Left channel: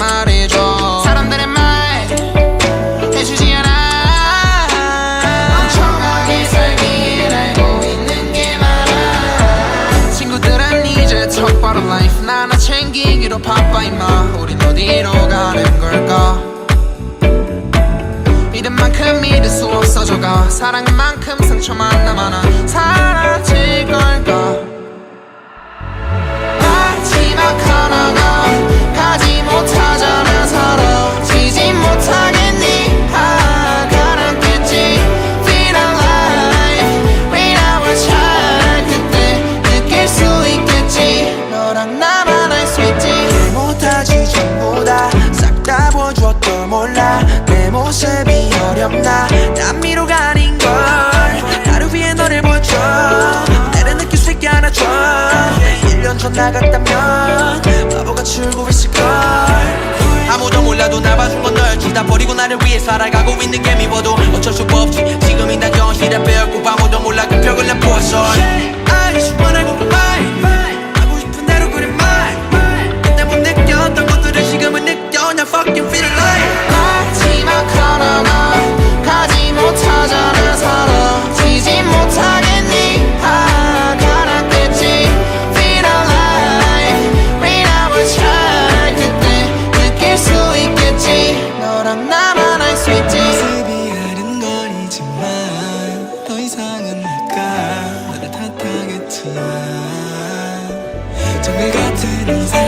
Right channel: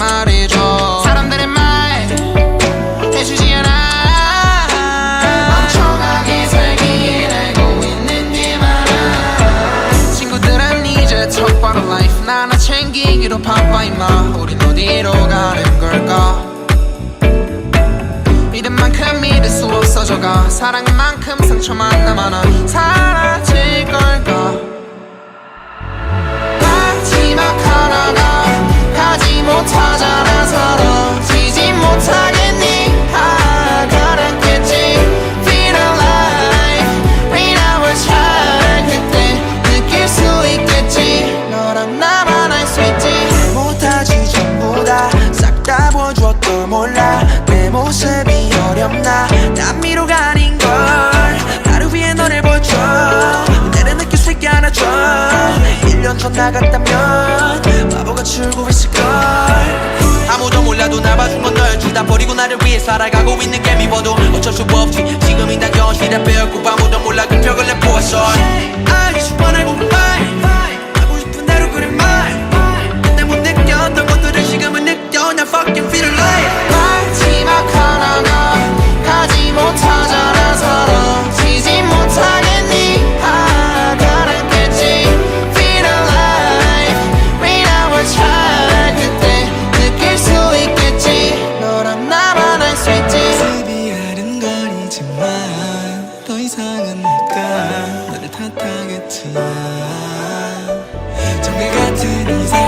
말이죠 사람들의 말 해주지 않아. 정하게 살길 알고 있는 게 많아. 친구들은 이제 척바로 라이프 나나 챙기기로 바빠 임마. 우린 어디로 가는 걸까? 믿은 만큼 믿을 수 없어져가. 사랑한 만큼 상처만 남아나 사라질 걸까 못하지 전부 다 싹 다 보여줬도 몰라. 내 모습이 어렵나? 난 미로가 아닌걸. 나를 위해 너를 보여줘 때를 느낄 수 있게 안아줘. 1년 전 나갔다면 바보같이 울고 있을걸. 아무도 몰라도 날 봐준 건 너였지 다 버리고 나를 위해 살아가고 있는 게 미워도 어쩔 수 없지. 지금이 난 현실에 빼었고 아무도 몰라 그 벽을 내 보았어 I just wanna 지금은 느껴 나 fucking feel alive. 마지막 하나가 가지 못하잖아. 서로 지지 못하겠니? 아 가라앉겠지. Feel alive. Without a child 그때 느낄 수 있겠지. 너랑 나만 알 수 있지. 모습이 아른거리지만 더 이상은 내가. 너를 탓하겠지만 정글 같은 이삶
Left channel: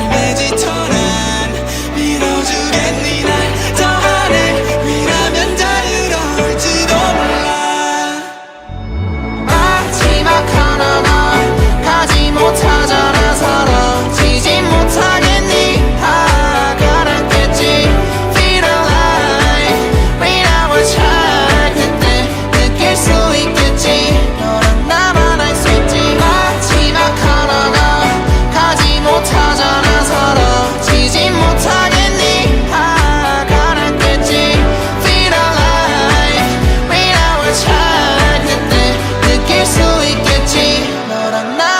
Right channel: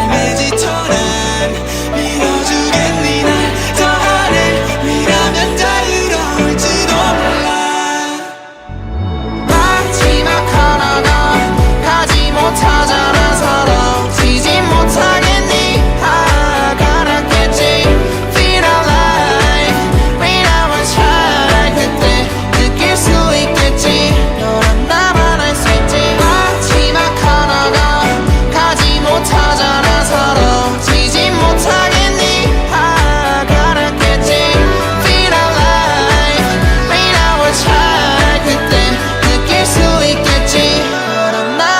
나